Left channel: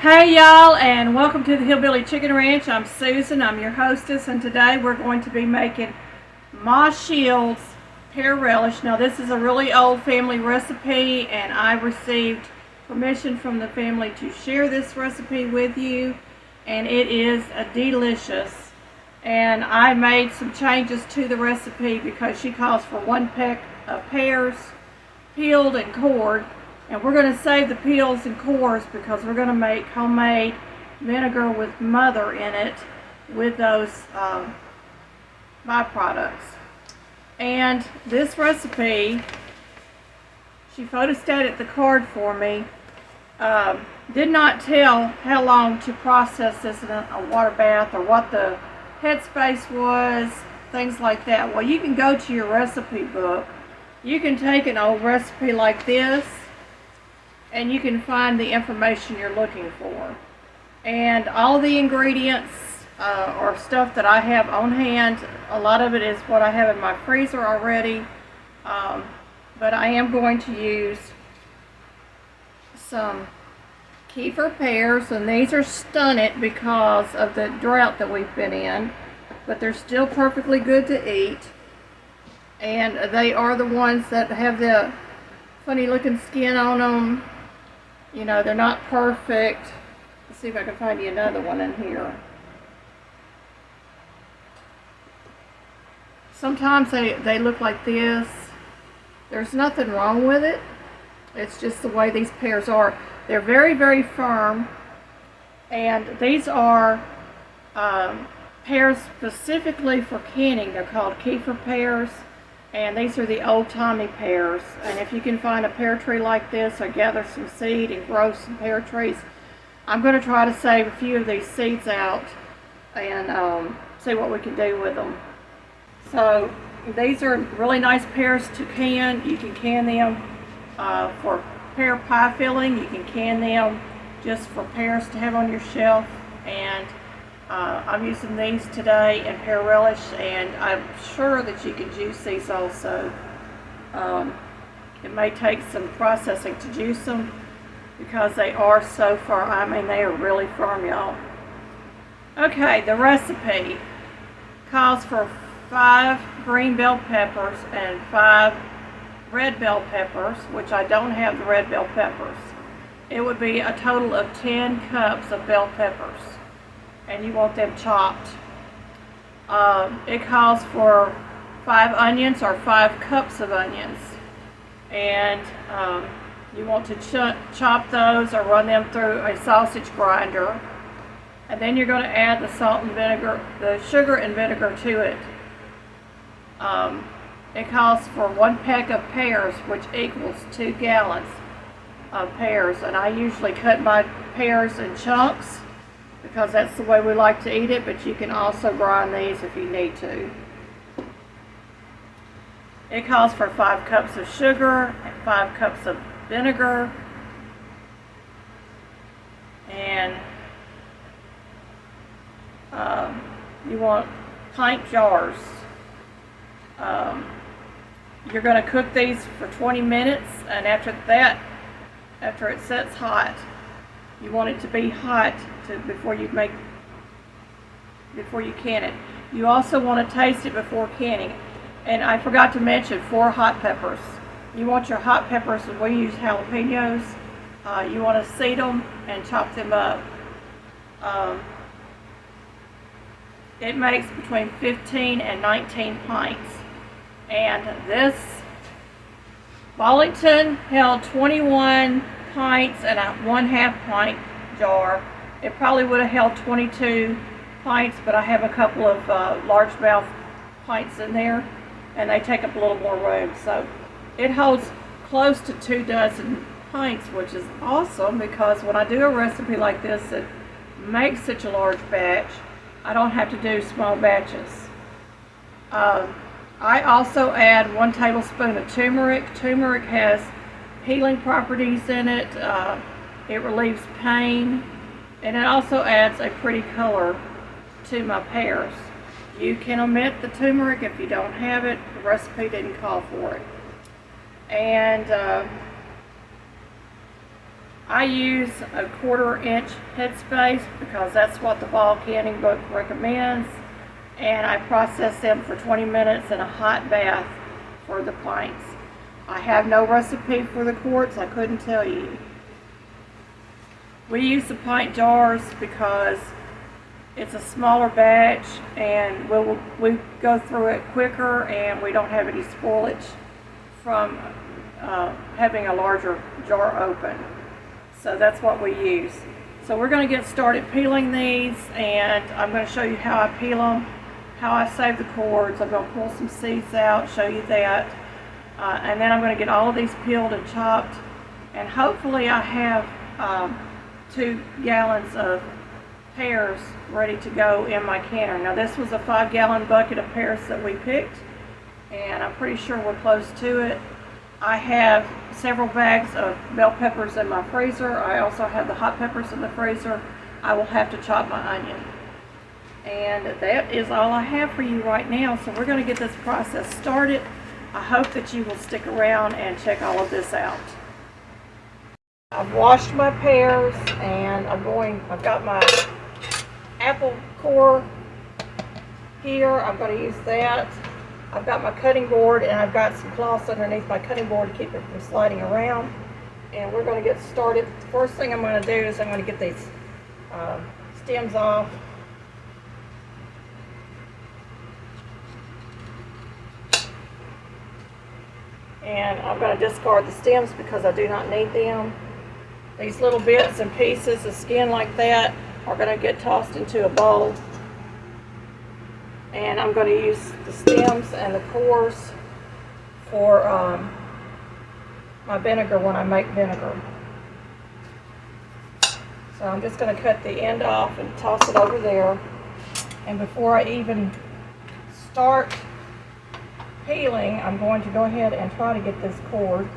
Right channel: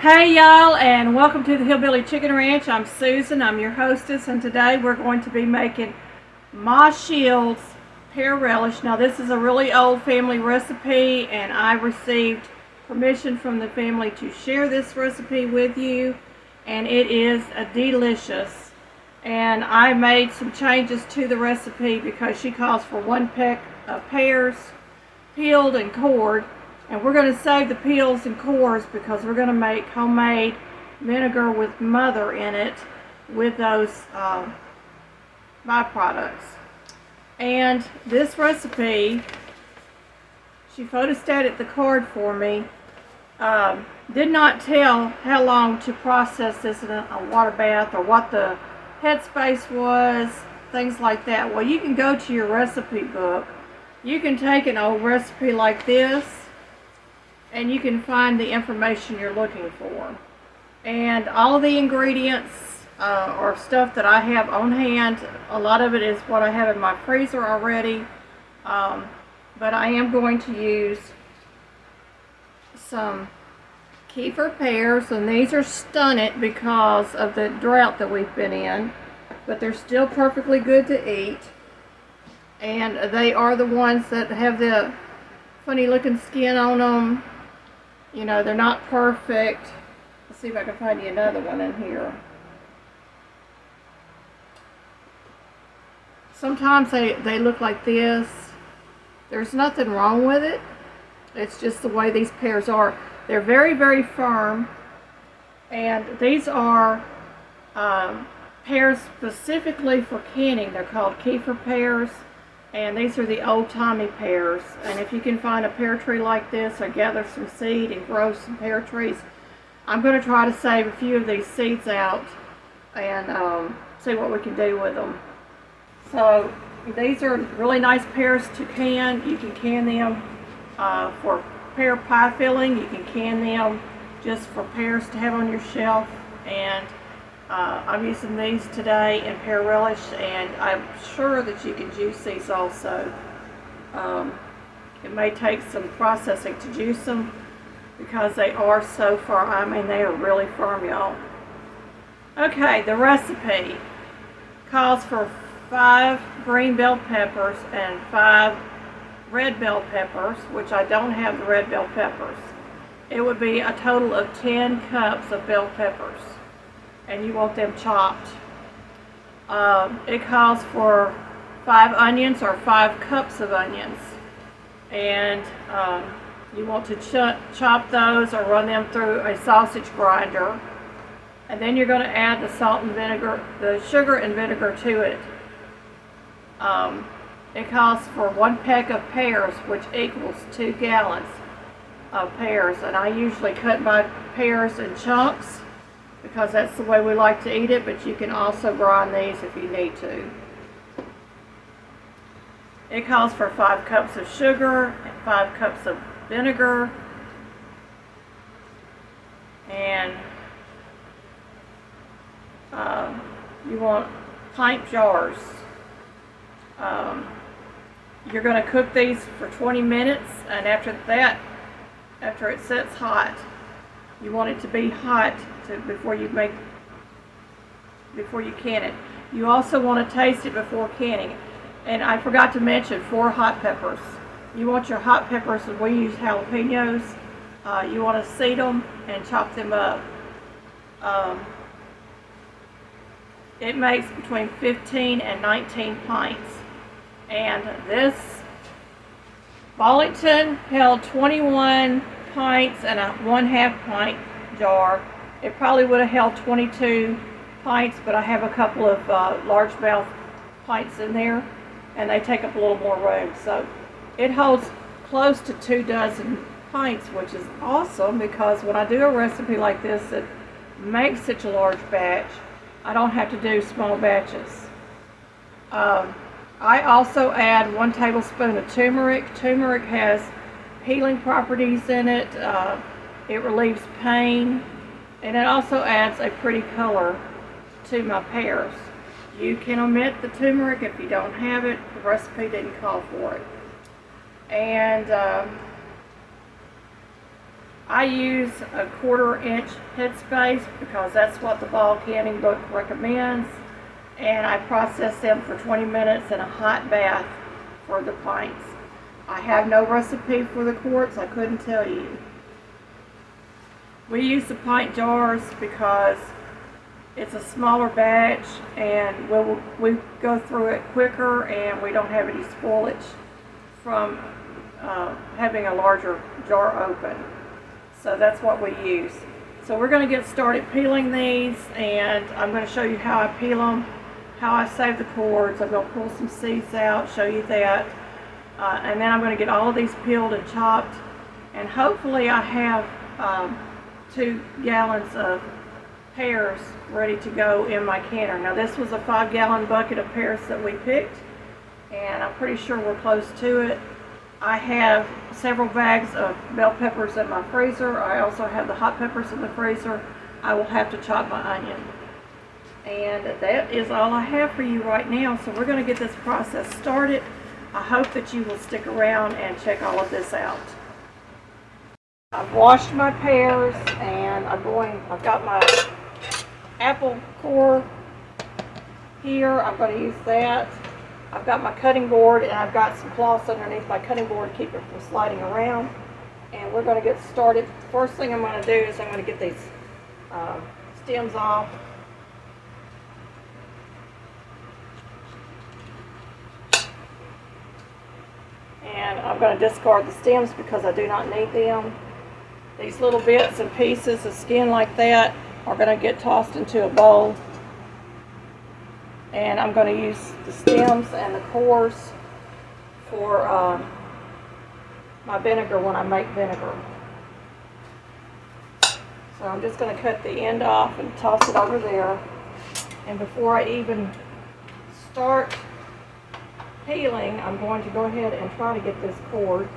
Hey y'all, and welcome to the Hillbilly Chicken Ranch. I'm Susan, I'm your hostess, and today we're going to be making Ma Sheilds Pear Relish. Now this is a really old family recipe, and I received permission from the family to share this recipe with you, and it is delicious. And I made some changes to the recipe because she calls for 1 peck of pears, peeled and cored. And we're going to save the peels and cores because we're going to make homemade vinegar with mother in it with those byproducts. And this recipe, she photostated the card for me, did not tell how long to process this in a water bath or what the headspace was, things like that. Well, you can go to your recipe book. You can take an old recipe like this and you can find the information you're looking for. And all of the ingredients are stuff that I have on hand. A lot of it is what I have in my freezer already. But I am going to use some Keiffer Pears, and these are stunted because of the drought that we've been in. But they're still perfectly good to eat. And they are the ones that have the funny looking skin on them. You know, they're not perfect. Let's see if I can find you another one in here. Sometimes they look like this. There's nothing wrong with it. It's just the way these pears are. They're very, very firm. And these are pears specifically for canning. They're called Keiffer Pears. And these are the old-timey pears. And if you can find a pear tree like this or gather some seed and grow some pear trees, I'm going to try to save a few of these seeds out and see what we can do with them. So these are really nice pears to can. You can can them for pear pie filling. You can can them just for pears to have on your shelf. And I'm using these today in Pear Relish, and I'm sure that you can juice these also. It may take some processing to juice them because they are so firm. I mean, they are really firm, y'all. Okay, the recipe calls for 5 green bell peppers and 5 red bell peppers, which I don't have the red bell peppers. It would be a total of 10 cups of bell peppers. And you want them chopped. It calls for 5 onions or 5 cups of onions. And you want to chop those or run them through a sausage grinder. And then you're going to add the salt and vinegar, the sugar and vinegar to it. It calls for 1 peck of pears, which equals 2 gallons of pears. And I usually cut my pears in chunks, because that's the way we like to eat it, but you can also grind these if you need to. It calls for 5 cups of sugar and 5 cups of vinegar, and you want pint jars. You're going to cook these for 20 minutes, and after that, after it sets hot, you want it to be hot before you can it. You also want to taste it before canning. And I forgot to mention 4 hot peppers. You want your hot peppers, as we use jalapenos. You want to seed them and chop them up. It makes between 15 and 19 pints. And this Wallington held 21 pints and a 1/2 pint jar. It probably would have held 22 pints, but I have a couple of largemouth pints in there, and they take up a little more room. So it holds close to 2 dozen pints, which is awesome because when I do a recipe like this that makes such a large batch, I don't have to do small batches. I also add 1 tablespoon of turmeric. Turmeric has healing properties in it. It relieves pain, and it also adds a pretty color to my pears. You can omit the turmeric if you don't have it. The recipe didn't call for it. And I use a 1/4 inch headspace because that's what the ball canning book recommends, and I process them for 20 minutes in a hot bath for the pints. I have no recipe for the quarts, I couldn't tell you. We use the pint jars because it's a smaller batch and we go through it quicker and we don't have any spoilage from having a larger jar open. So that's what we use. So we're going to get started peeling these, and I'm going to show you how I peel them, how I save the cords. I'm going to pull some seeds out, show you that. And then I'm going to get all of these peeled and chopped, and hopefully I have 2 gallons of pears ready to go in my canner. Now this was a 5-gallon bucket of pears that we picked, and I'm pretty sure we're close to it. I have several bags of bell peppers in my freezer. I also have the hot peppers in the freezer. I will have to chop my onion. And that is all I have for you right now. So we're going to get this process started. I hope that you will stick around and check all of this out. I've washed my pears, and I've got my apple core here. I'm going to use that. I've got my cutting board, and I've got some cloths underneath my cutting board to keep it from sliding around. And we're going to get started. The first thing I'm going to do is I'm going to get these stems off. And I'm going to discard the stems because I do not need them. These little bits and pieces of skin like that are going to get tossed into a bowl. And I'm going to use the stems and the cores for my vinegar when I make vinegar. So I'm just going to cut the end off and toss it over there. And before I even start peeling, I'm going to go ahead and try to get this cord.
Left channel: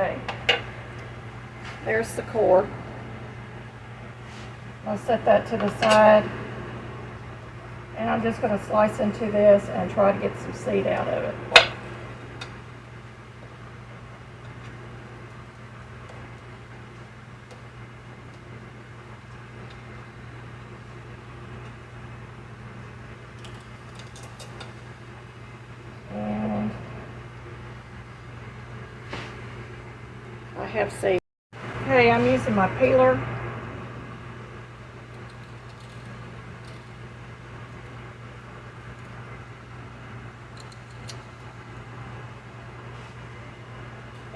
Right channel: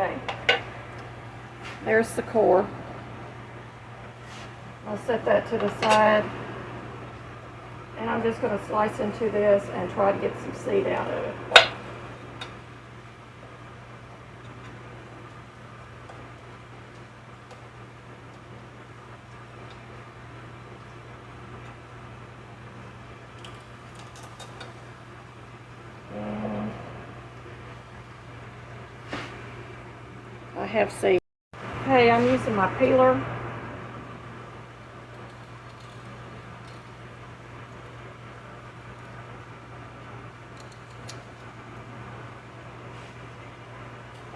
Okay, there's the core. I'll set that to the side, and I'm just going to slice into this and try to get some seed out of it. I have seed. Okay, I'm using my peeler.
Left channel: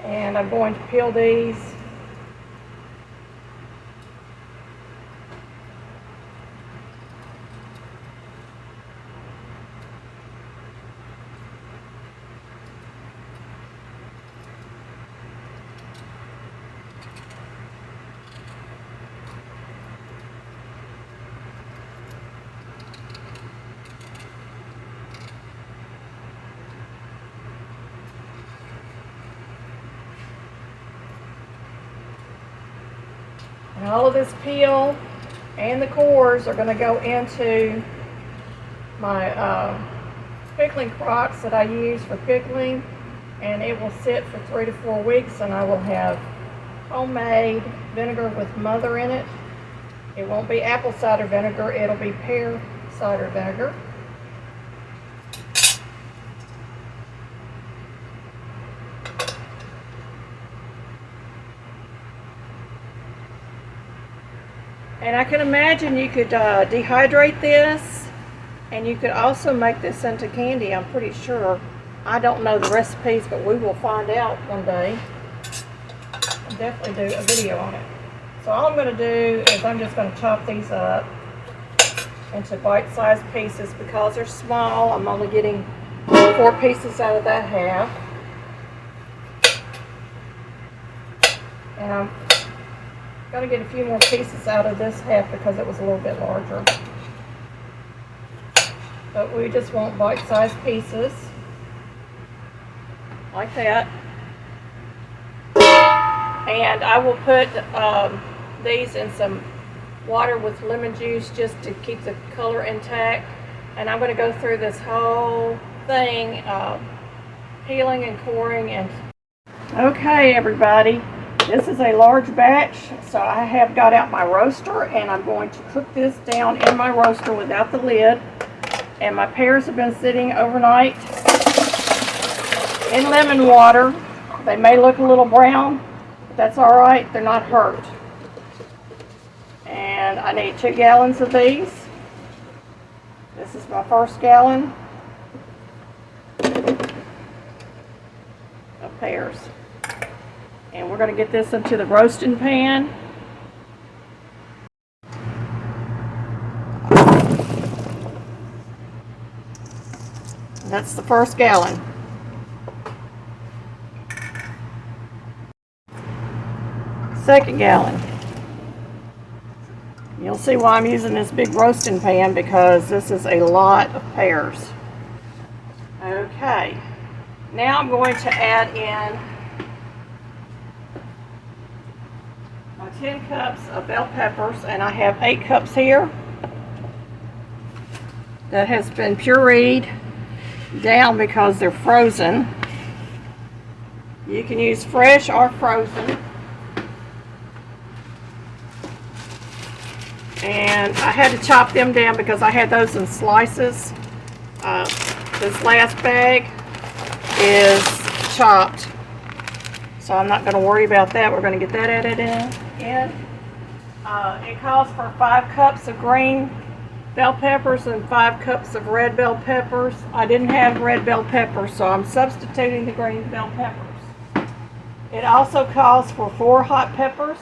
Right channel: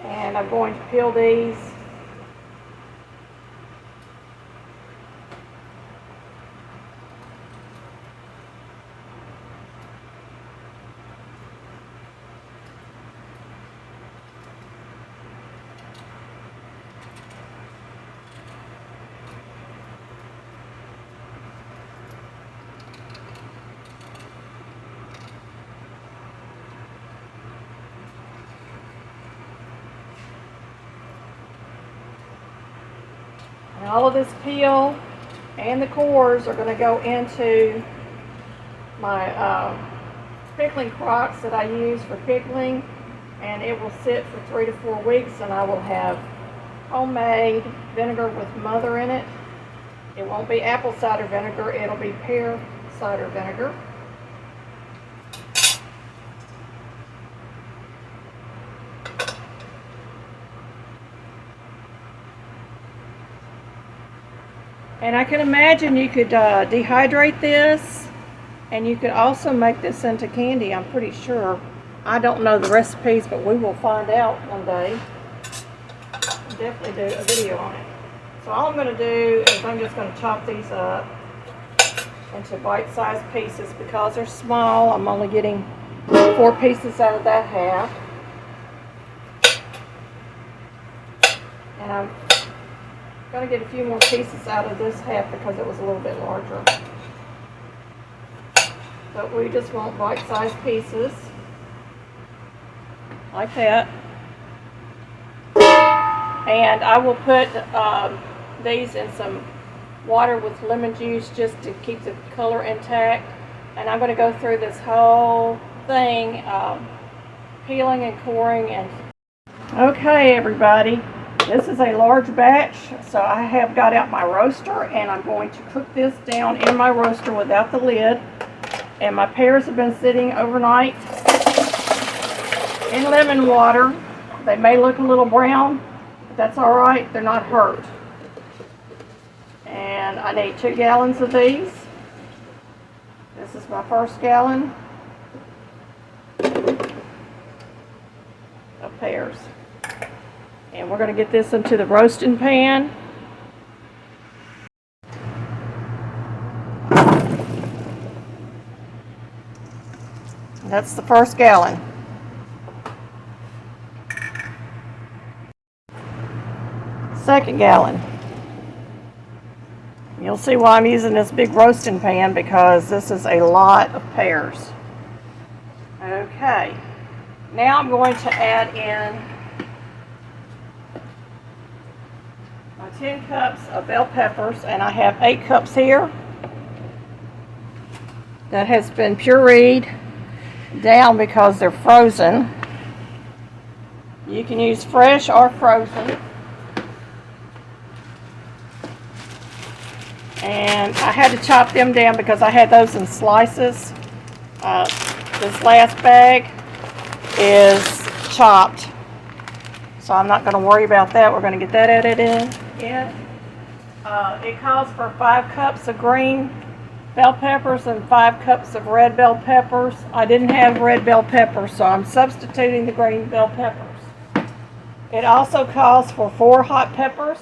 And I'm going to peel these. And all of this peel and the cores are going to go into my pickling crocks that I use for pickling, and it will sit for 3 to 4 weeks, and I will have homemade vinegar with mother in it. It won't be apple cider vinegar, it'll be pear cider vinegar. And I can imagine you could dehydrate this, and you could also make this into candy, I'm pretty sure. I don't know the recipes, but we will find out one day. I'll definitely do a video on it. So all I'm going to do is I'm just going to chop these up into bite-sized pieces. Because they're small, I'm only getting 4 pieces out of that half. And I'm Gonna get a few more pieces out of this half because it was a little bit larger. But we just want bite-sized pieces. Like that. And I will put these in some water with lemon juice just to keep the color intact. And I'm going to go through this whole thing, peeling and coring. And okay, everybody, this is a large batch, so I have got out my roaster, and I'm going to cook this down in my roaster without the lid. And my pears have been sitting overnight in lemon water. They may look a little brown, but that's all right. They're not hurt. And I need 2 gallons of these. This is my first gallon of pears. And we're going to get this into the roasting pan. And that's the first gallon. Second gallon. You'll see why I'm using this big roasting pan, because this is a lot of pears. Okay, now I'm going to add in my 10 cups of bell peppers, and I have 8 cups here that has been pureed down because they're frozen. You can use fresh or frozen. And I had to chop them down because I had those in slices. This last bag is chopped, so I'm not going to worry about that. We're going to get that added in. It calls for 5 cups of green bell peppers and 5 cups of red bell peppers. I didn't have red bell peppers, so I'm substituting the green bell peppers. It also calls for 4 hot peppers,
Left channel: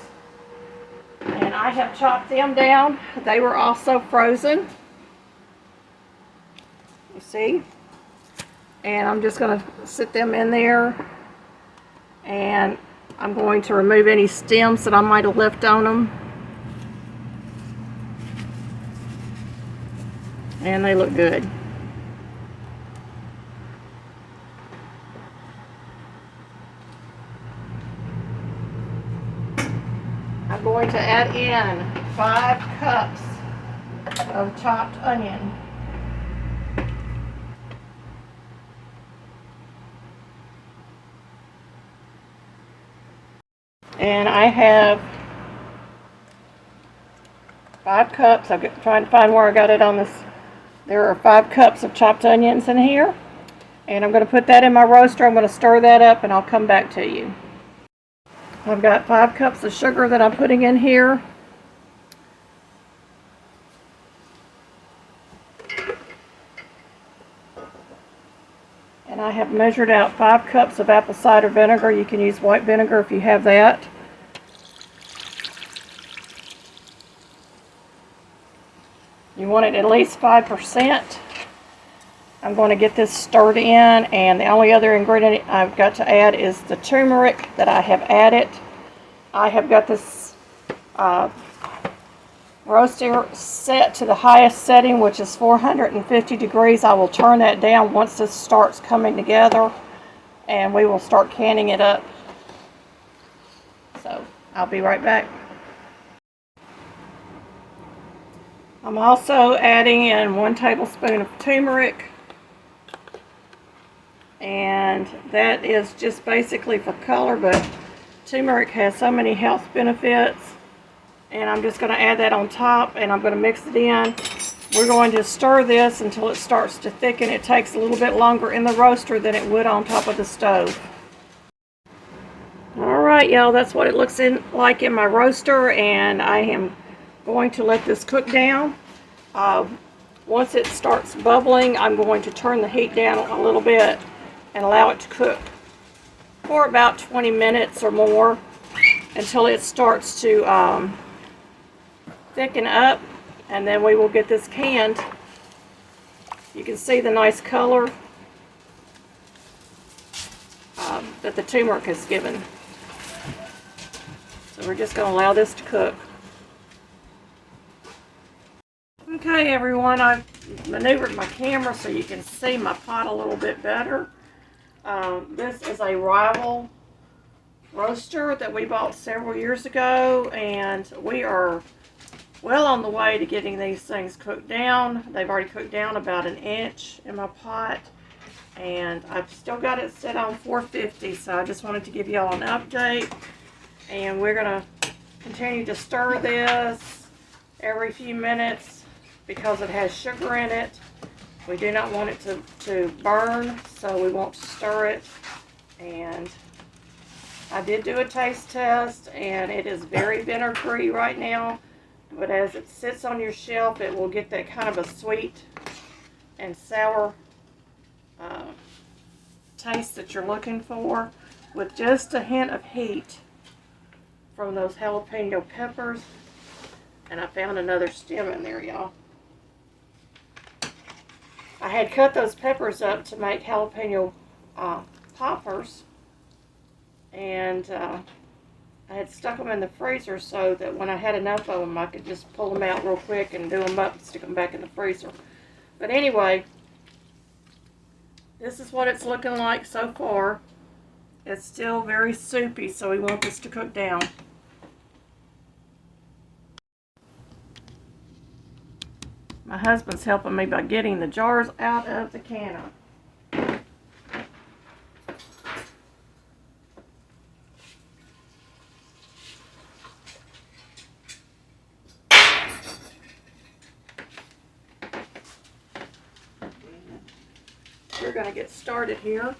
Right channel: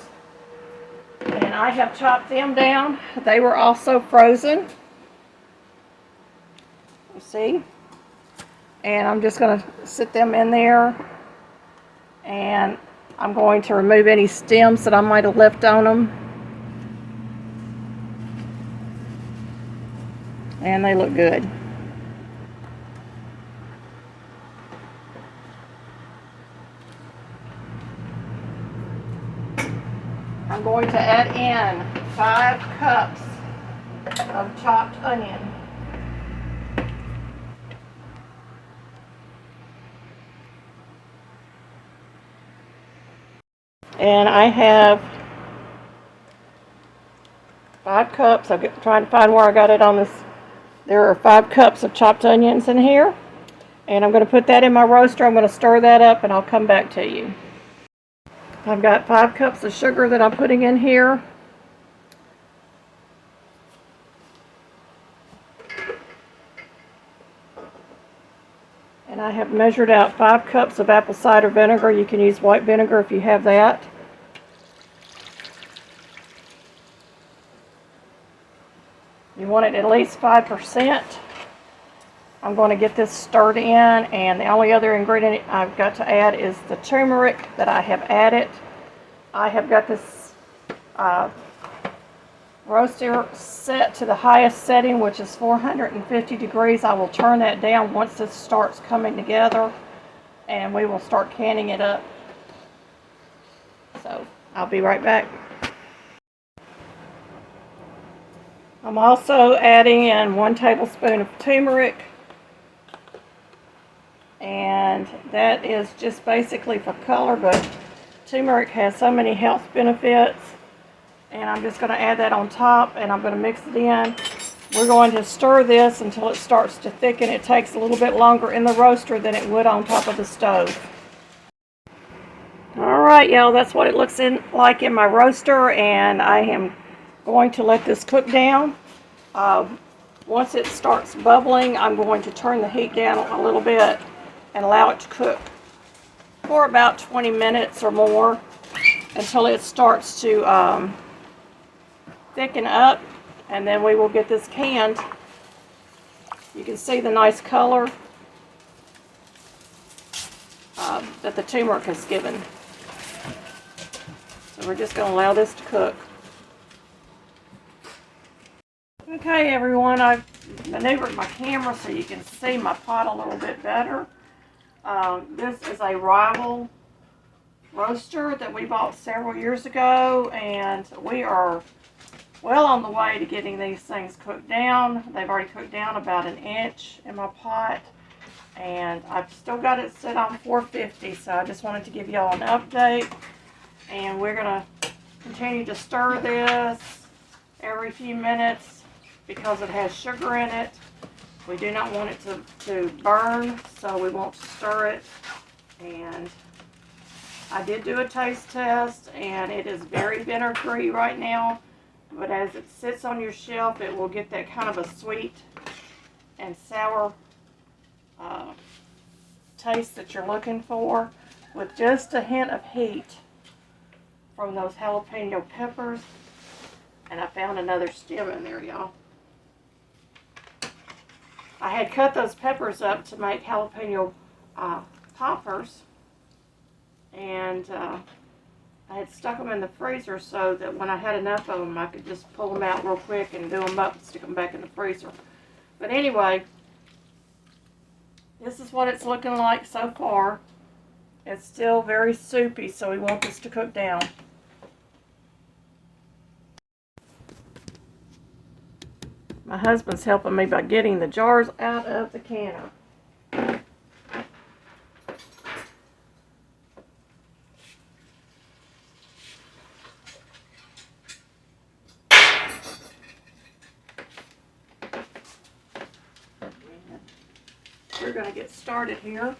and I have chopped them down. They were also frozen. You see? And I'm just going to sit them in there, and I'm going to remove any stems that I might have left on them. And they look good. I'm going to add in 5 cups of chopped onion. And I have 5 cups. I'm trying to find where I got it on this. There are 5 cups of chopped onions in here. And I'm going to put that in my roaster. I'm going to stir that up, and I'll come back to you. I've got 5 cups of sugar that I'm putting in here. And I have measured out 5 cups of apple cider vinegar. You can use white vinegar if you have that. You want it at least 5%. I'm going to get this stirred in, and the only other ingredient I've got to add is the turmeric that I have added. I have got this roaster set to the highest setting, which is 450 degrees. I will turn that down once this starts coming together, and we will start canning it up. So I'll be right back. I'm also adding in 1 tablespoon of turmeric, and that is just basically for color, but turmeric has so many health benefits. And I'm just going to add that on top, and I'm going to mix it in. We're going to stir this until it starts to thicken. It takes a little bit longer in the roaster than it would on top of the stove. Alright, y'all, that's what it looks like in my roaster, and I am going to let this cook down. Once it starts bubbling, I'm going to turn the heat down a little bit and allow it to cook for about 20 minutes or more until it starts to thicken up, and then we will get this canned. You can see the nice color that the turmeric has given. So we're just going to allow this to cook. Okay, everyone, I've maneuvered my camera so you can see my pot a little bit better. This is a rival roaster that we bought several years ago, and we are well on the way to getting these things cooked down. They've already cooked down about 1 inch in my pot, and I've still got it set on 450, so I just wanted to give y'all an update. And we're going to continue to stir this every few minutes because it has sugar in it. We do not want it to burn, so we won't stir it. And I did do a taste test, and it is very vinegar-free right now, but as it sits on your shelf, it will get that kind of a sweet and sour taste that you're looking for, with just a hint of heat from those jalapeno peppers. And I found another stem in there, y'all. I had cut those peppers up to make jalapeno poppers, and I had stuck them in the freezer so that when I had enough of them, I could just pull them out real quick and do them up and stick them back in the freezer. But anyway, this is what it's looking like so far. It's still very soupy, so we want this to cook down. My husband's helping me by getting the jars out of the canner. We're going to get started here.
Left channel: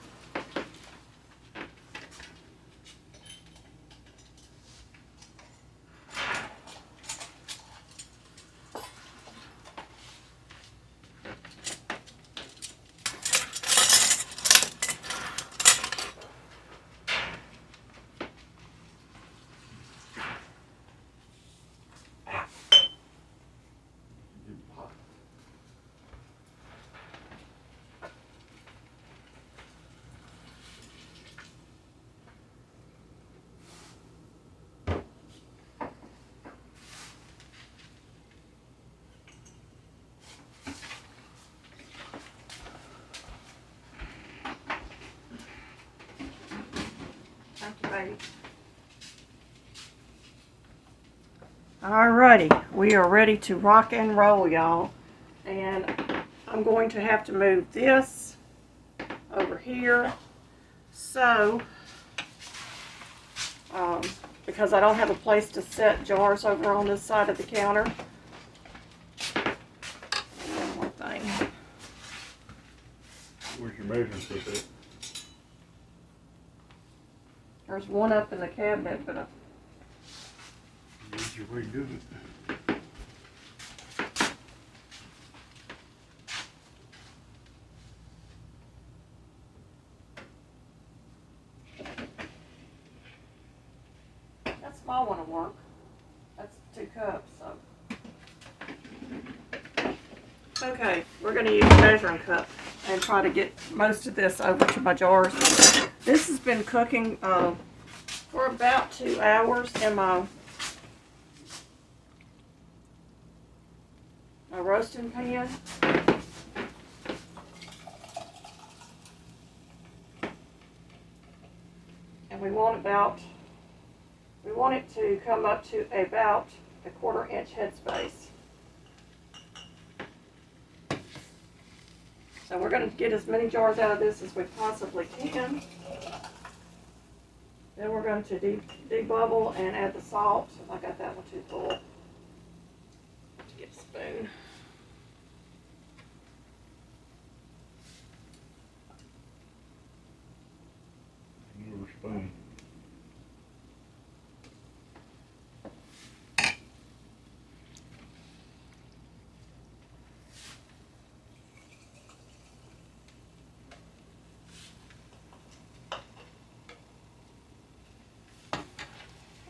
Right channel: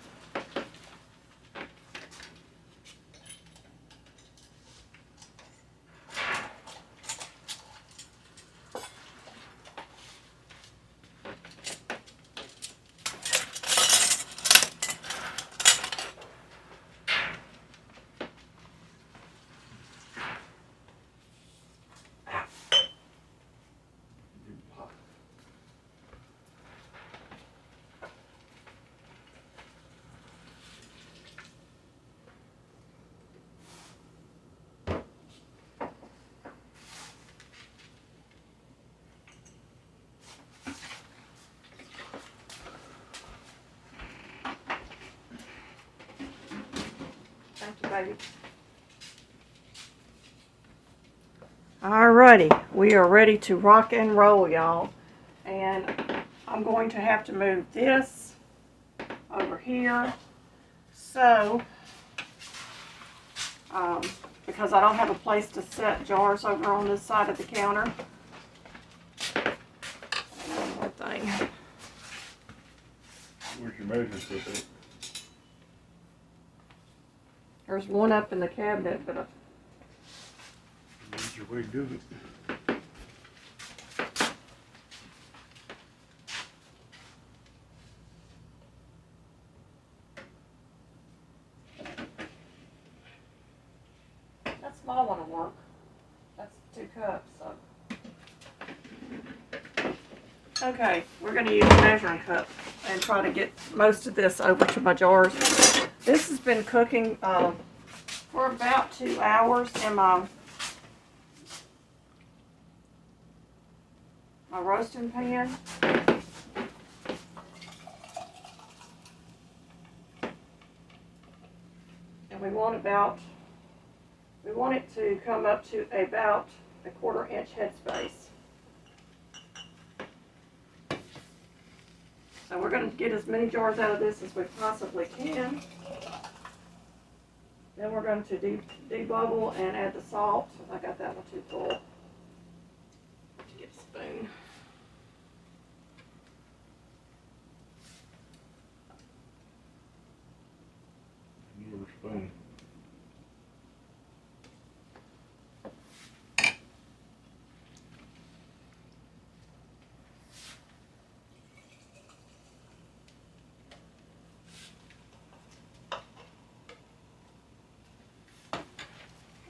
Thank you, baby. Alrighty, we are ready to rock and roll, y'all. And I'm going to have to move this over here. So, because I don't have a place to set jars over on this side of the counter. One more thing. Where's your measuring tape at? There's one up in the cabinet, but Where's your way to do it? that small one will work. That's 2 cups, so. Okay, we're going to use a measuring cup and try to get most of this over to my jars. This has been cooking for about 2 hours in my roasting pan. And we want it to come up to about a 1/4 inch headspace. So we're going to get as many jars out of this as we possibly can. Then we're going to debubble and add the salt. I got that one too full. Have to get a spoon. Your spoon.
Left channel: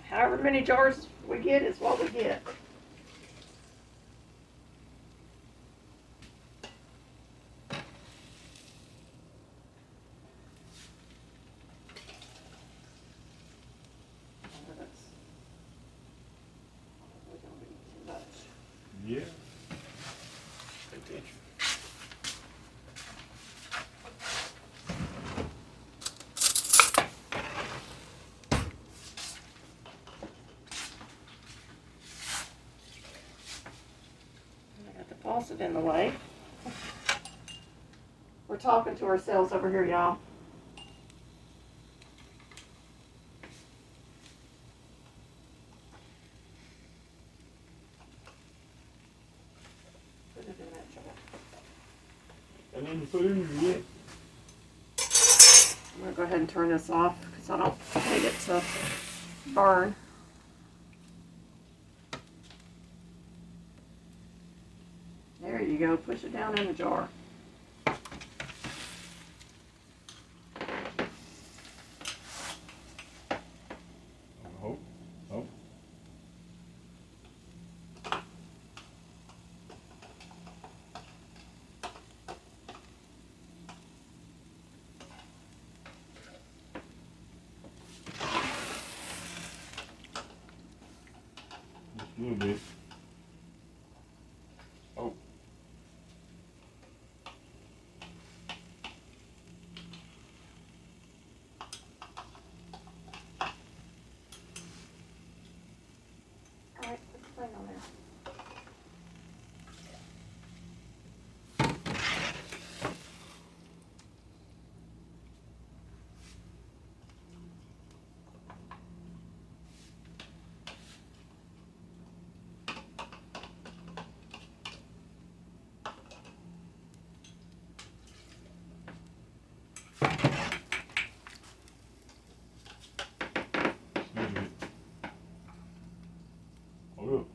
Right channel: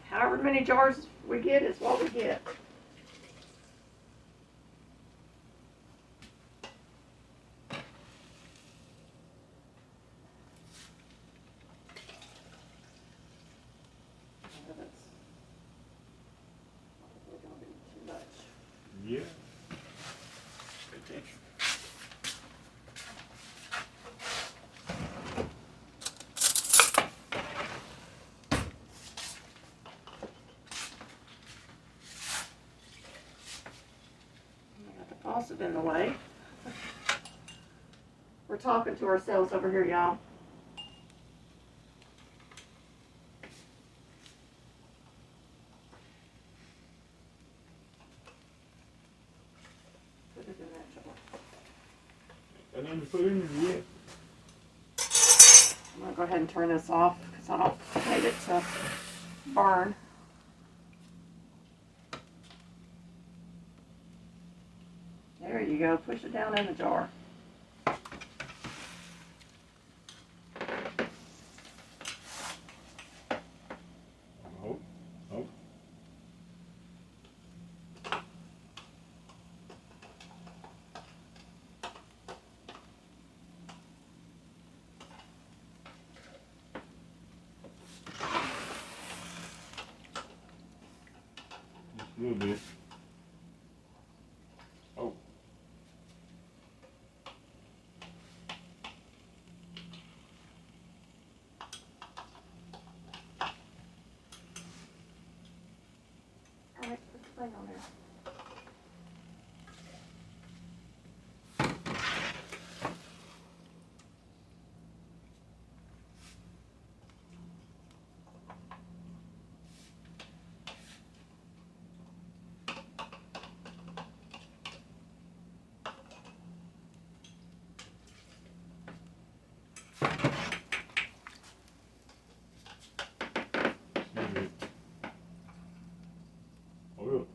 However many jars we get is what we get. toss it in the way. We're talking to ourselves over here, y'all. Put it in that jar. And then put in yet. I'm going to go ahead and turn this off because I don't need it to burn. There you go. Push it down in the jar. Oh, oh. Just a little bit. Oh. Alright, put the thing on there. Oh,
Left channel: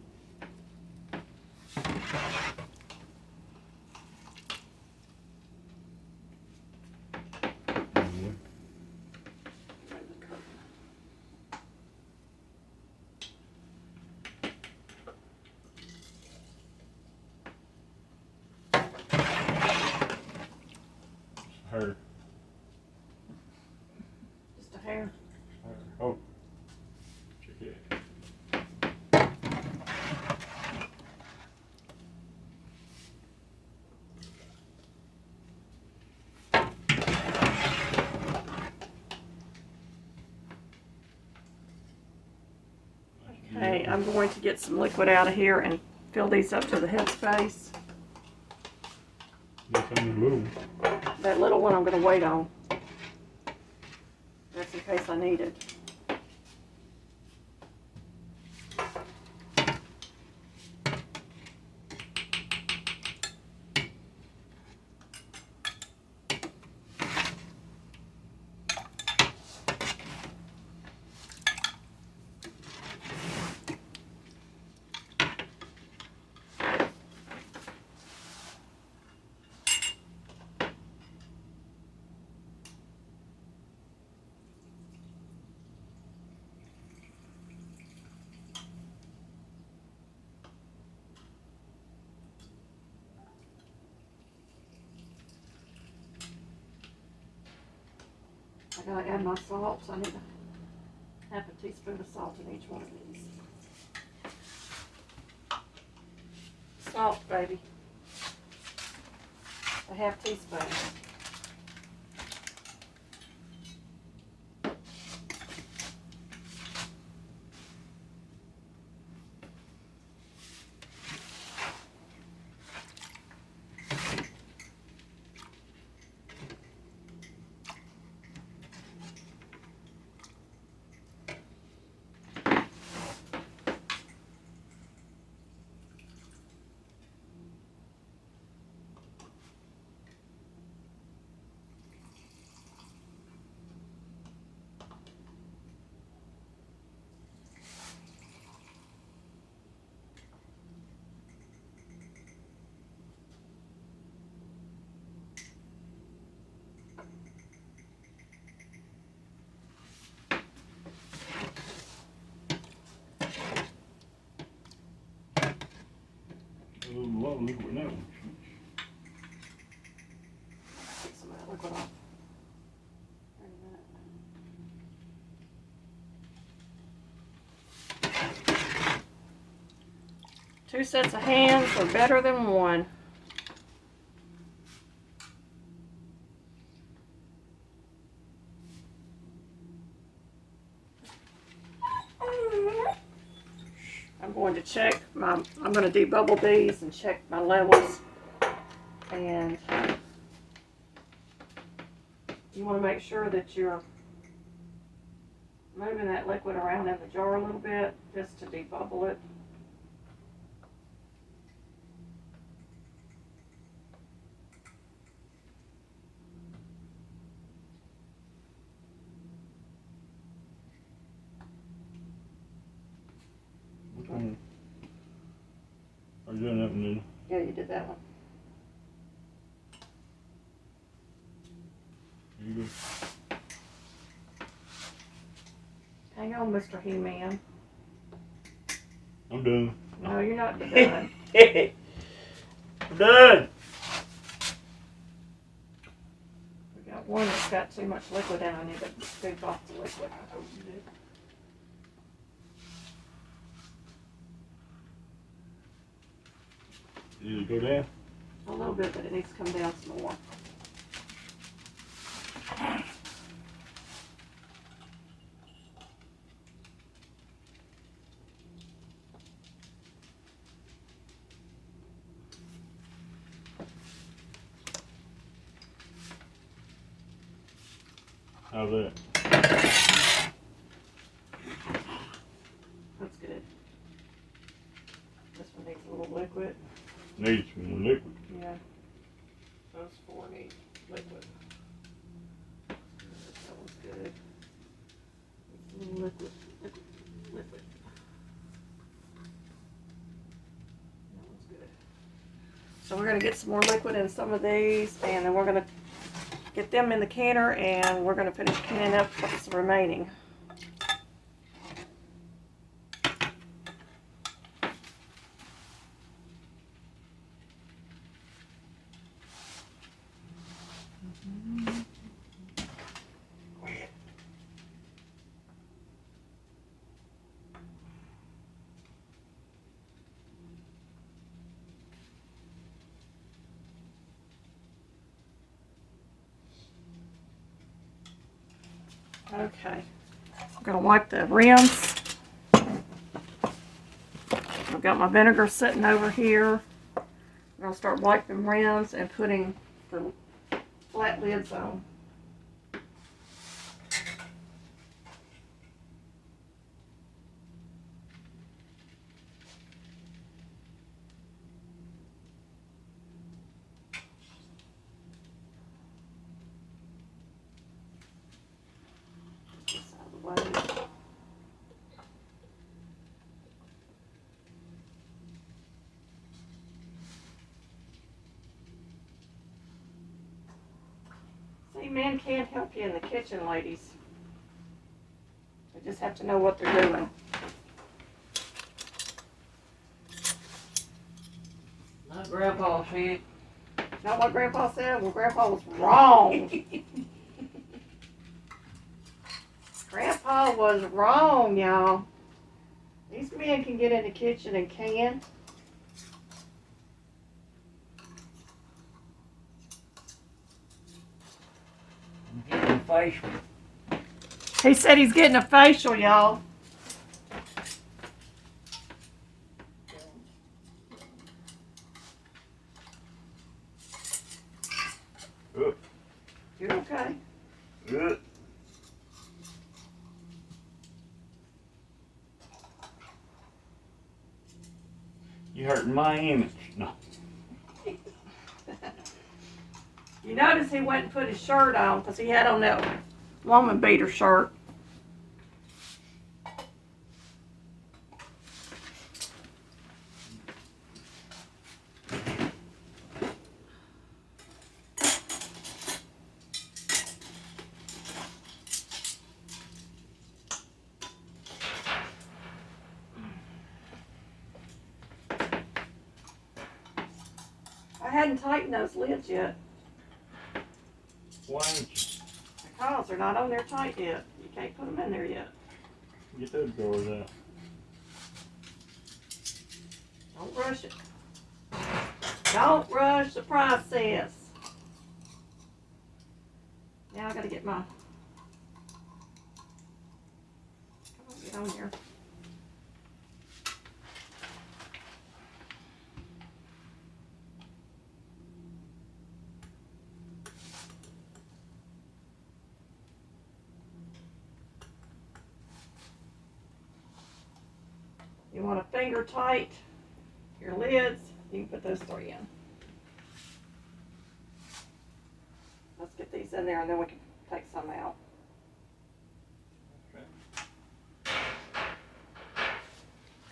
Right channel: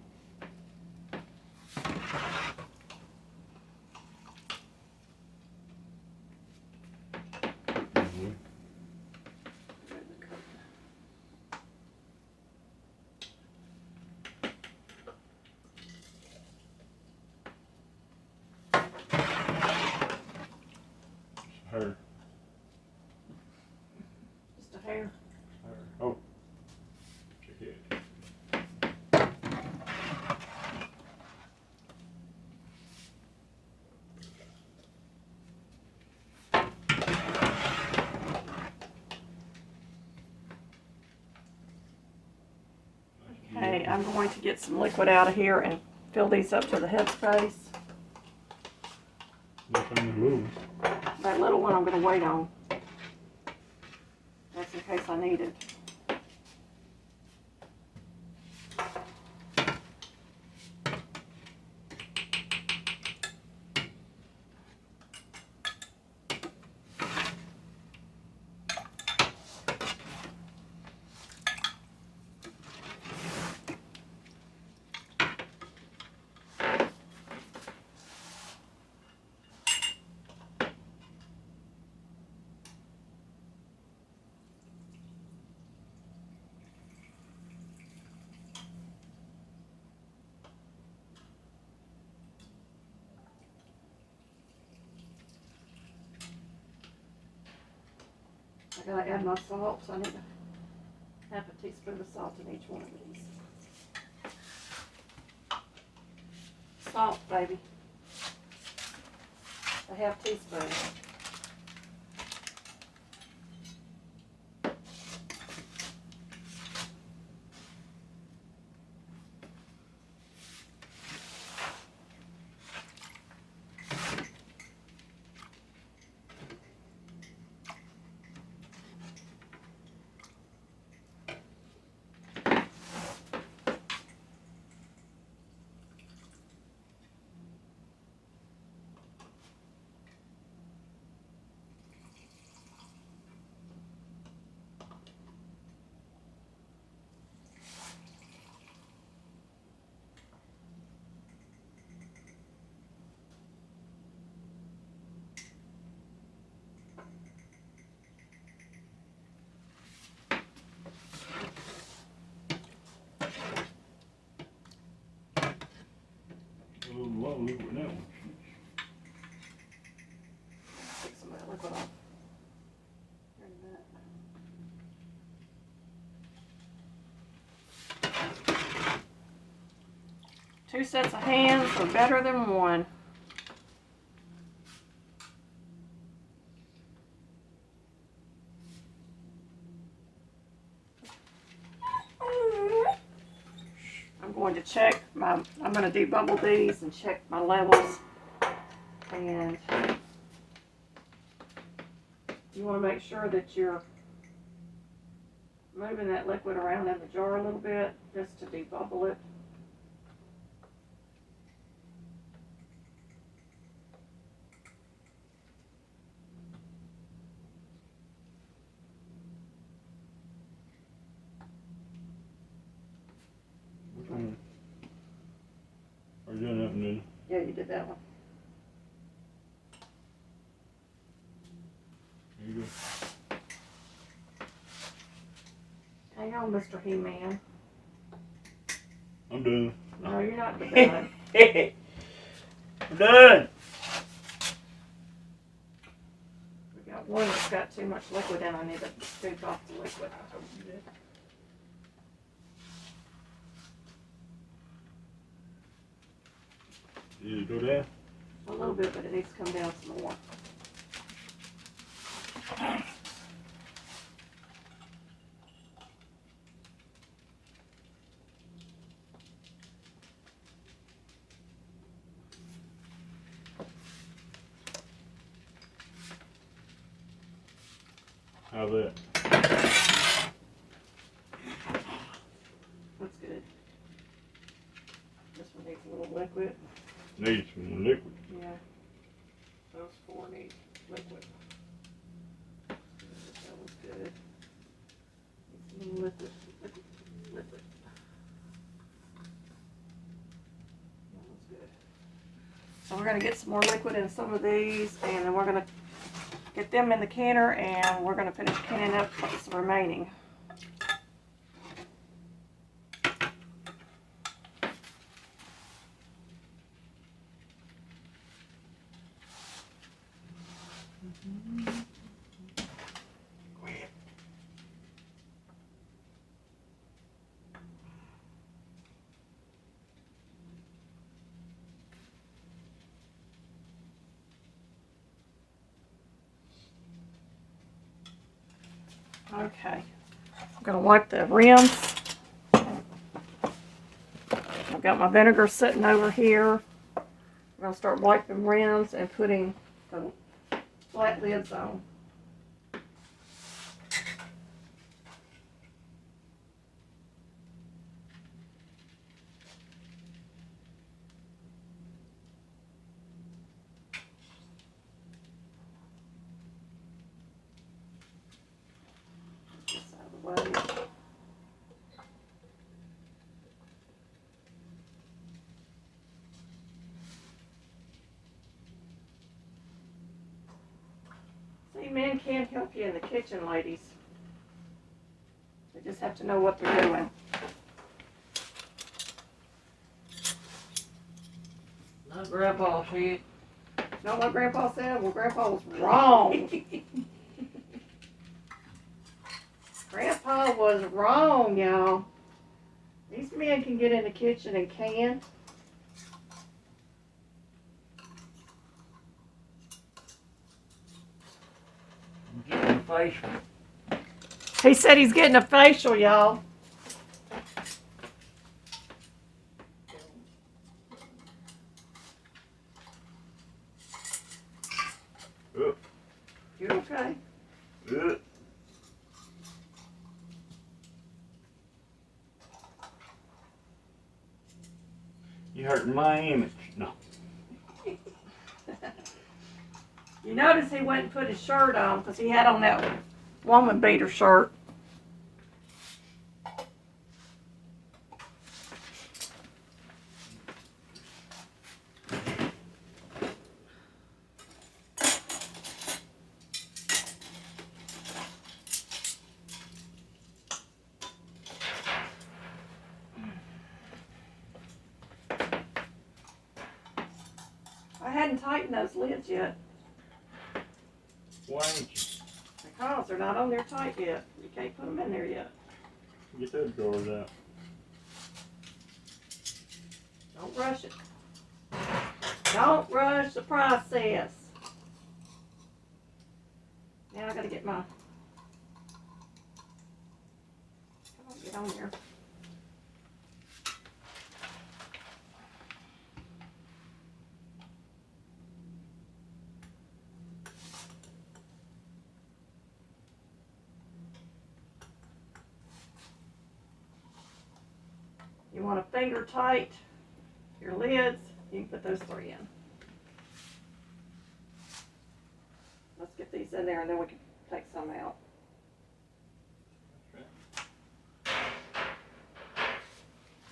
hair. Just a hair. Oh. Check it. Okay, I'm going to get some liquid out of here and fill these up to the headspace. Nothing little. That little one I'm going to wait on. That's in case I need it. I gotta add my salt, so I need to have a teaspoon of salt in each one of these. Salt, baby. A half teaspoon. A little low liquid now. Take some of that liquid off. Here in a minute. 2 sets of hands are better than one. going to check I'm going to debubble these and check my levels. And you want to make sure that you're moving that liquid around in the jar a little bit just to debubble it. Which one? Are you doing that one then? Yeah, you did that one. There you go. Hang on, Mr. He-Man. I'm done. No, you're not done. I'm done. We got one that's got too much liquid in. I need to scoop off the liquid. Did it go down? A little bit, but it needs to come down some more. How's that? That's good. This one needs a little liquid. Needs some more liquid. Yeah. Those four need liquid. That one's good. Needs a little liquid. Liquid. That one's good. So we're going to get some more liquid in some of these, and then we're going to get them in the canner, and we're going to finish canning up what's the remaining. Okay, I'm going to wipe the rims. I've got my vinegar sitting over here. I'm going to start wiping rims and putting the flat lids on. This out of the way. See, men can help you in the kitchen, ladies. They just have to know what they're doing. Not Grandpa said. Not what Grandpa said? Well, Grandpa was wrong. Grandpa was wrong, y'all. These men can get in the kitchen and can. I'm getting facial. He said he's getting a facial, y'all. Oh, You okay? good. You hurting my image. No. You notice he went and put his shirt on because he had on that woman beater shirt. I hadn't tightened those lids yet Why ain't you? because they're not on there tight yet. You can't put them in there yet. Get those drawers out. Don't rush it. Don't rush the process. Now I gotta get my... Come on, get on there. want a finger tight, your lids, you can put those 3 in. Let's get these in there and then we can take some out.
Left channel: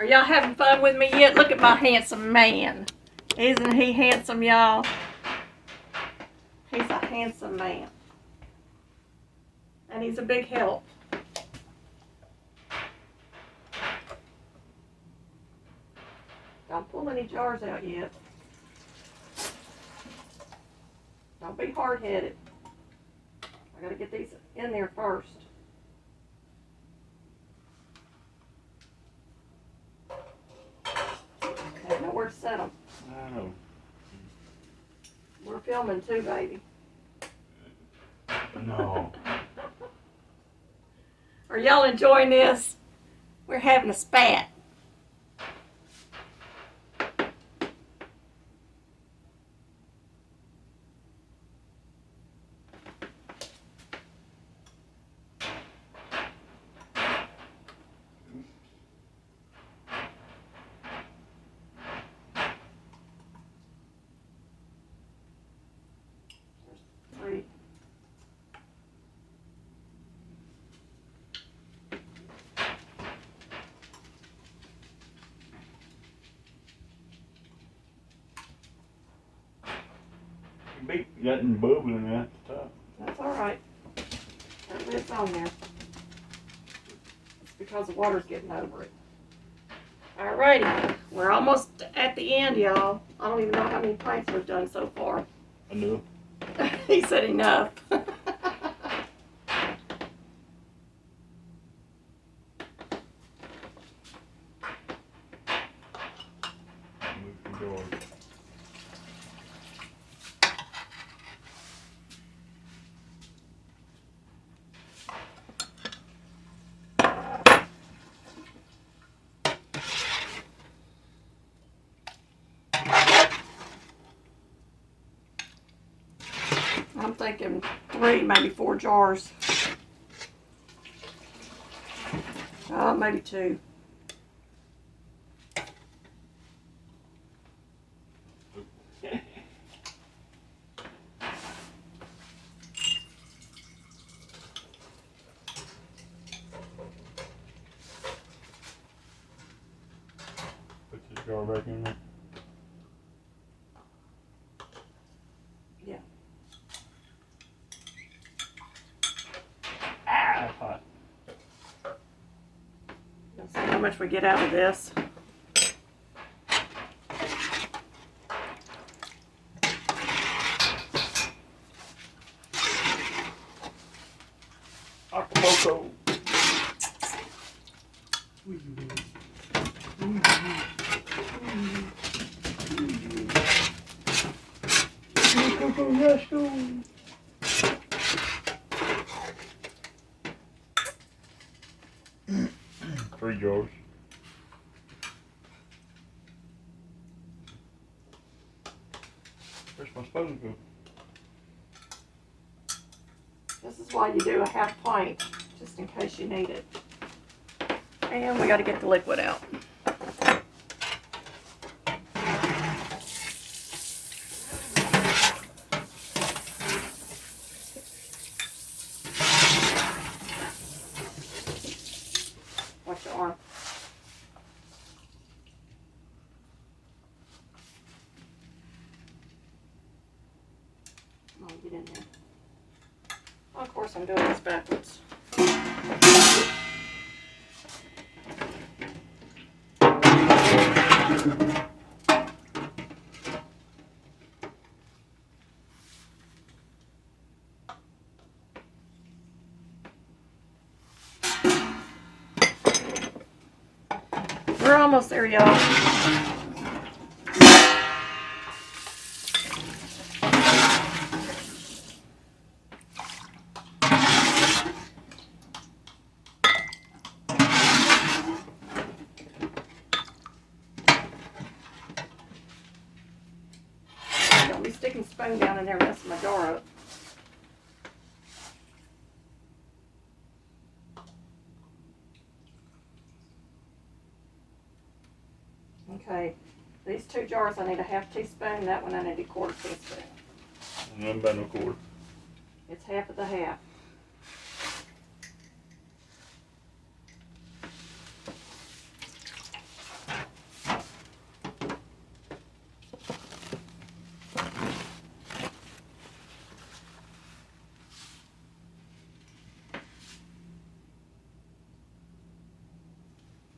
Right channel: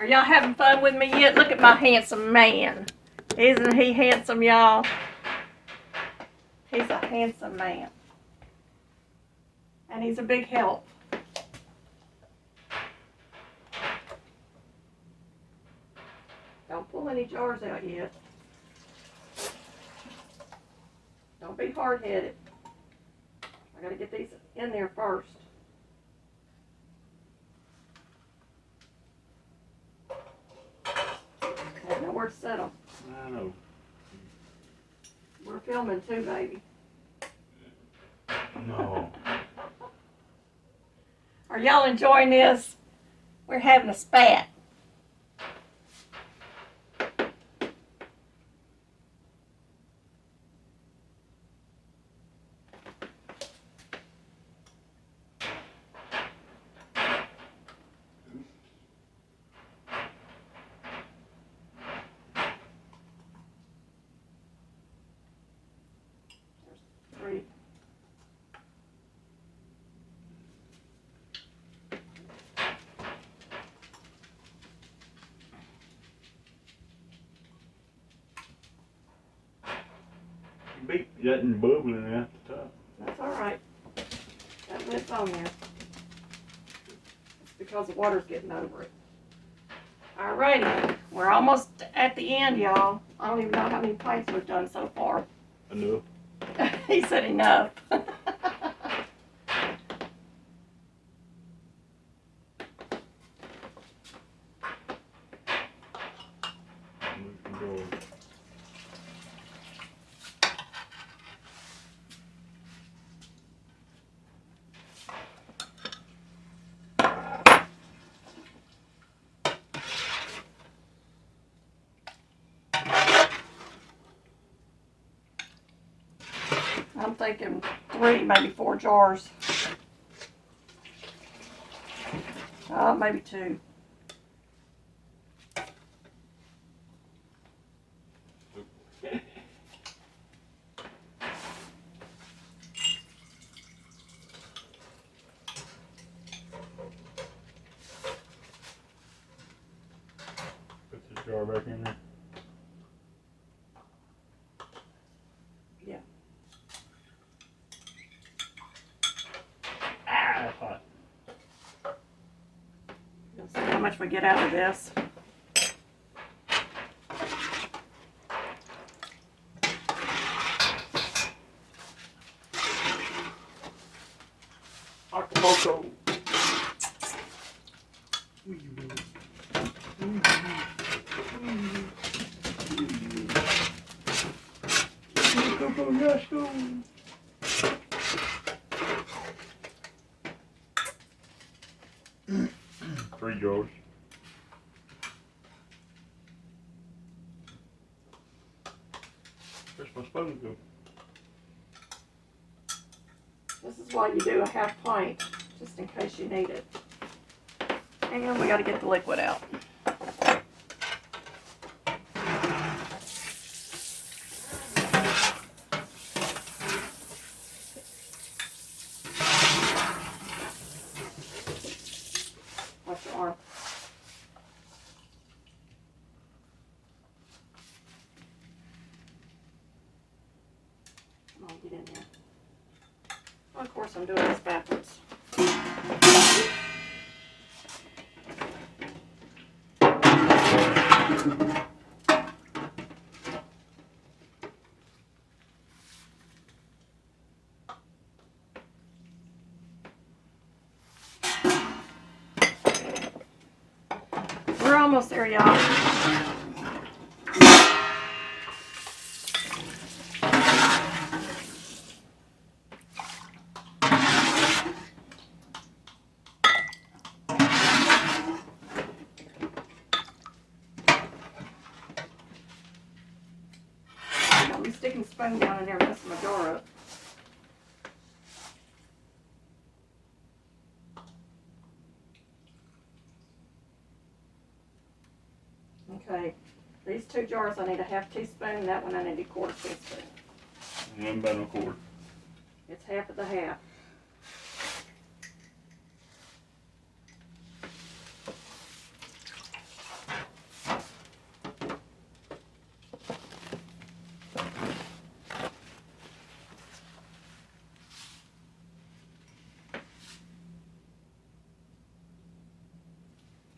Are y'all having fun with me yet? Look at my handsome man. Isn't he handsome, y'all? He's a handsome man. And he's a big help. Don't pull any jars out yet. Don't be hard-headed. I gotta get these in there first. I know where to set them. I know. We're filming too, baby. No. Are y'all enjoying this? We're having a spat. There's 3. You beat that and bubbling at the top. That's all right. That lid's on there. It's because the water's getting over it. Alrighty, we're almost at the end, y'all. I don't even know how many pints we've done so far. Enough. He said enough. Move some jars. I'm thinking 3, maybe 4 jars. Maybe 2. Put this jar back in there. Yeah. That's hot. Let's see how much we get out of this. Acapulco. Let's go. 3 jars. Where's my spoon go? This is why you do a half pint, just in case you need it. And we got to get the liquid out. Watch your arm. Come on, get in there. Well, of course, I'm doing this backwards. We're almost there, y'all. Don't be sticking the spoon down in there messing my jar up. 2 jars, I need a half teaspoon. That one I need a quarter teaspoon. And then by no cord. It's half of the half.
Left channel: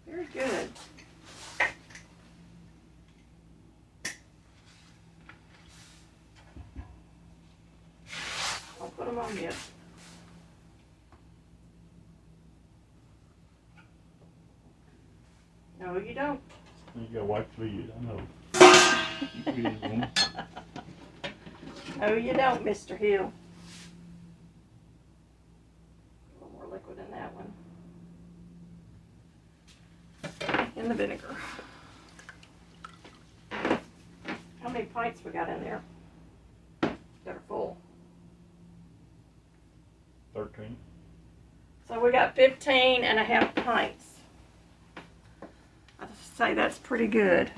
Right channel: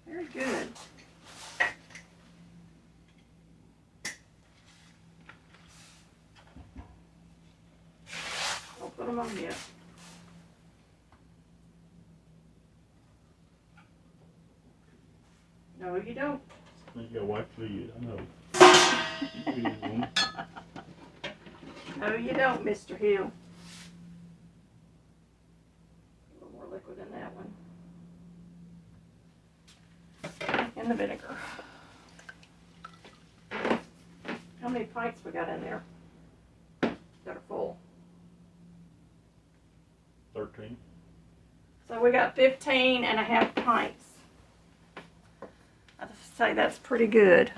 Very good. I'll put them on yet. No, you don't. You got white fleas, I know. You can use one. No, you don't, Mr. Hill. A little more liquid in that one. In the vinegar. How many pints we got in there that are full? 13. So we got 15 and a half pints. I'd say that's pretty good.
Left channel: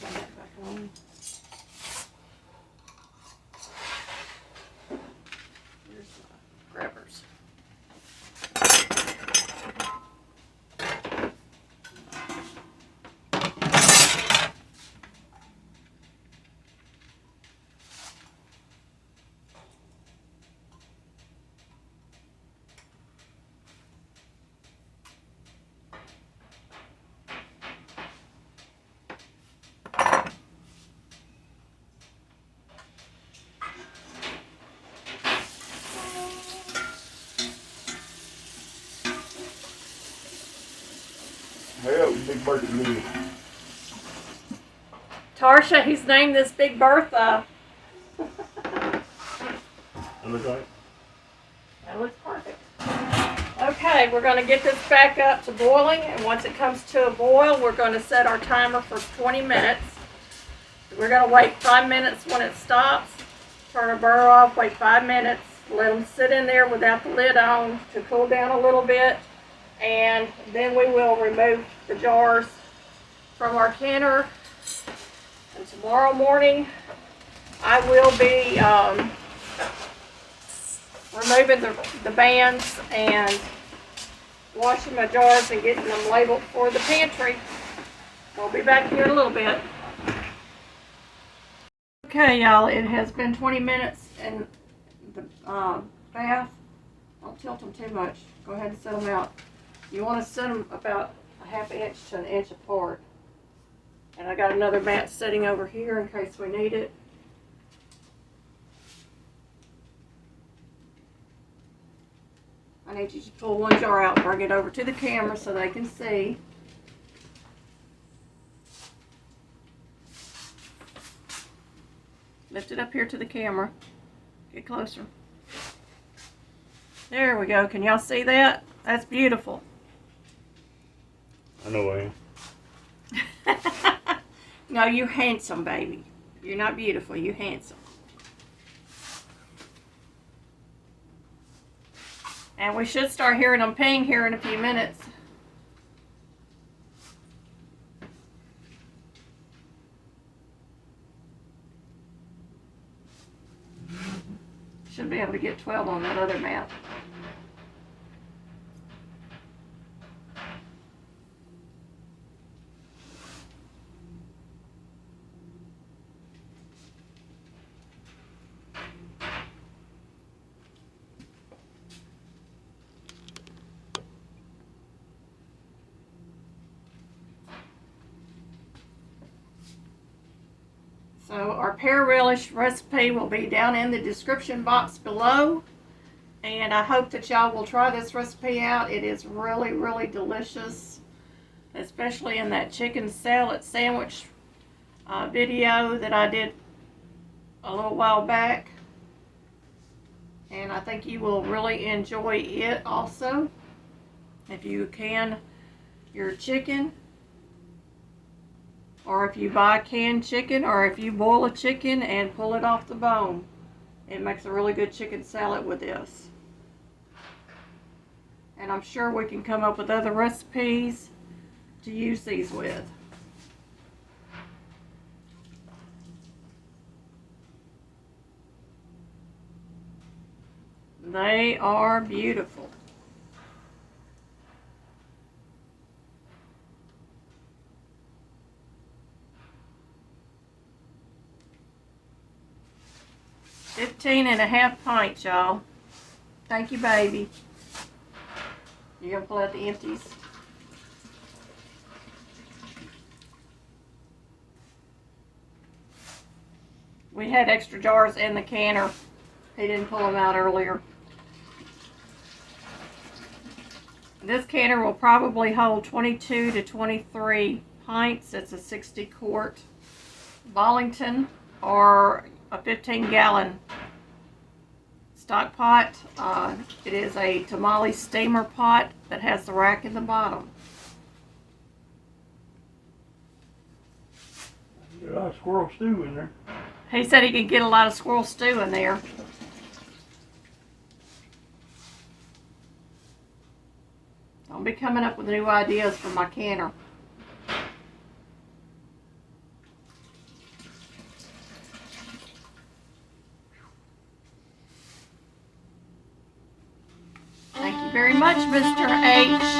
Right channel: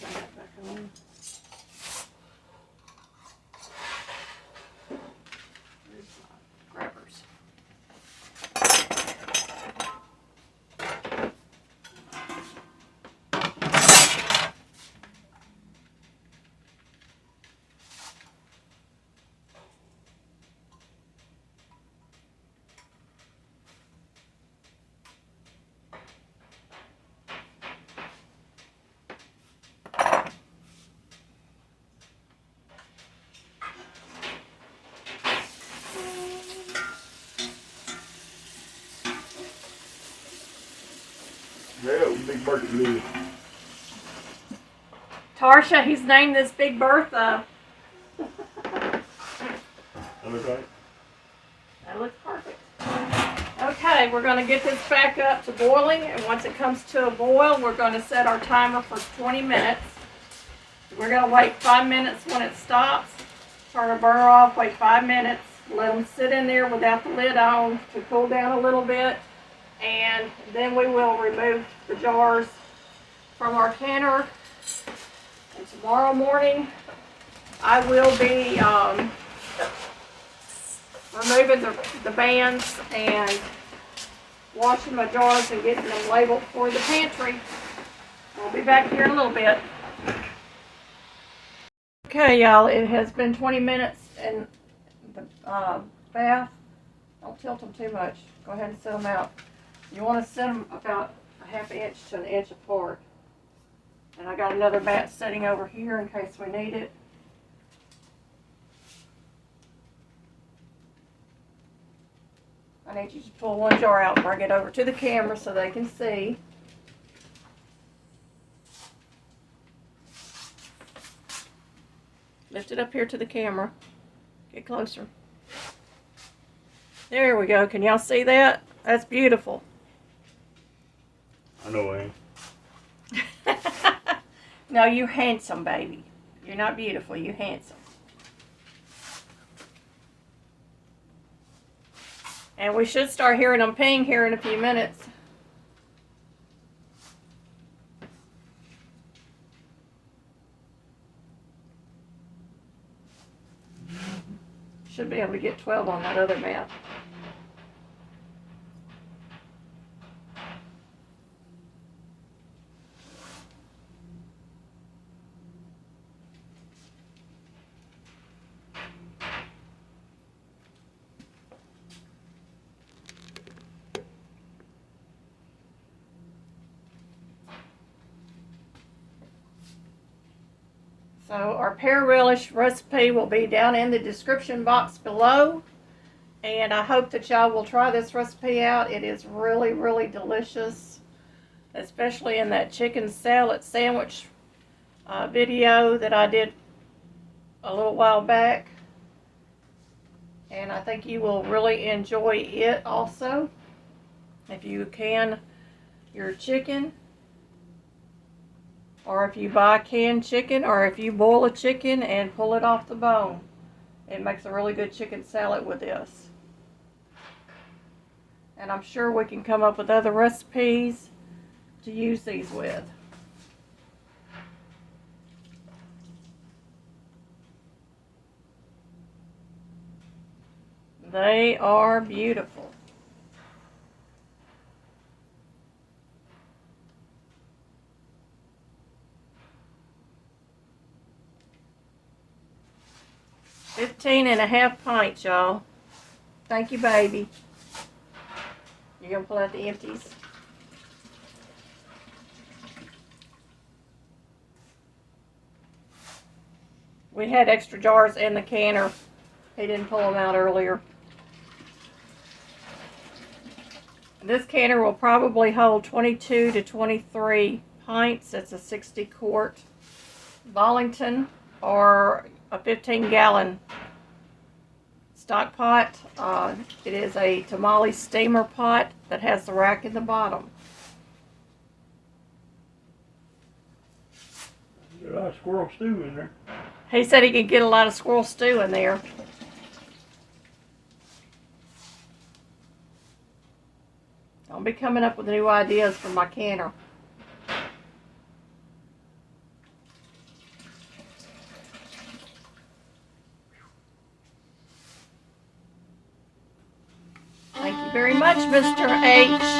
Turn that back on. Here's my grabbers. Hell, big birthday. Tarsha, he's named this Big Bertha. That look right? That looks perfect. Okay, we're going to get this back up to boiling, and once it comes to a boil, we're going to set our timer for 20 minutes. We're going to wait 5 minutes when it stops, turn our burner off, wait 5 minutes, let them sit in there without the lid on to cool down a little bit, and then we will remove the jars from our canner. And tomorrow morning, I will be removing the bands and washing my jars and getting them labeled for the pantry. We'll be back here in a little bit. Okay, y'all, it has been 20 minutes in the bath. Don't tilt them too much. Go ahead and set them out. You want to set them about a ½ inch to an inch apart. And I got another mat sitting over here in case we need it. I need you to pull one jar out and bring it over to the camera so they can see. Lift it up here to the camera. Get closer. There we go. Can y'all see that? That's beautiful. I know I am. No, you're handsome, baby. You're not beautiful. You're handsome. And we should start hearing them ping here in a few minutes. Should be able to get 12 on that other mat. So our pear relish recipe will be down in the description box below. And I hope that y'all will try this recipe out. It is really, really delicious. Especially in that chicken salad sandwich video that I did a little while back. And I think you will really enjoy it also. If you can your chicken, or if you buy canned chicken, or if you boil a chicken and pull it off the bone. It makes a really good chicken salad with this. And I'm sure we can come up with other recipes to use these with. They are beautiful. $15.5 pints, y'all. Thank you, baby. You gonna pull out the empties? We had extra jars in the canner. He didn't pull them out earlier. This canner will probably hold 22 to 23 pints. It's a 60 quart Bollington or a 15-gallon stock pot. It is a tamale steamer pot that has the rack in the bottom. There's a lot of squirrel stew in there. He said he could get a lot of squirrel stew in there. I'll be coming up with new ideas for my canner. Thank you very much, Mr. H.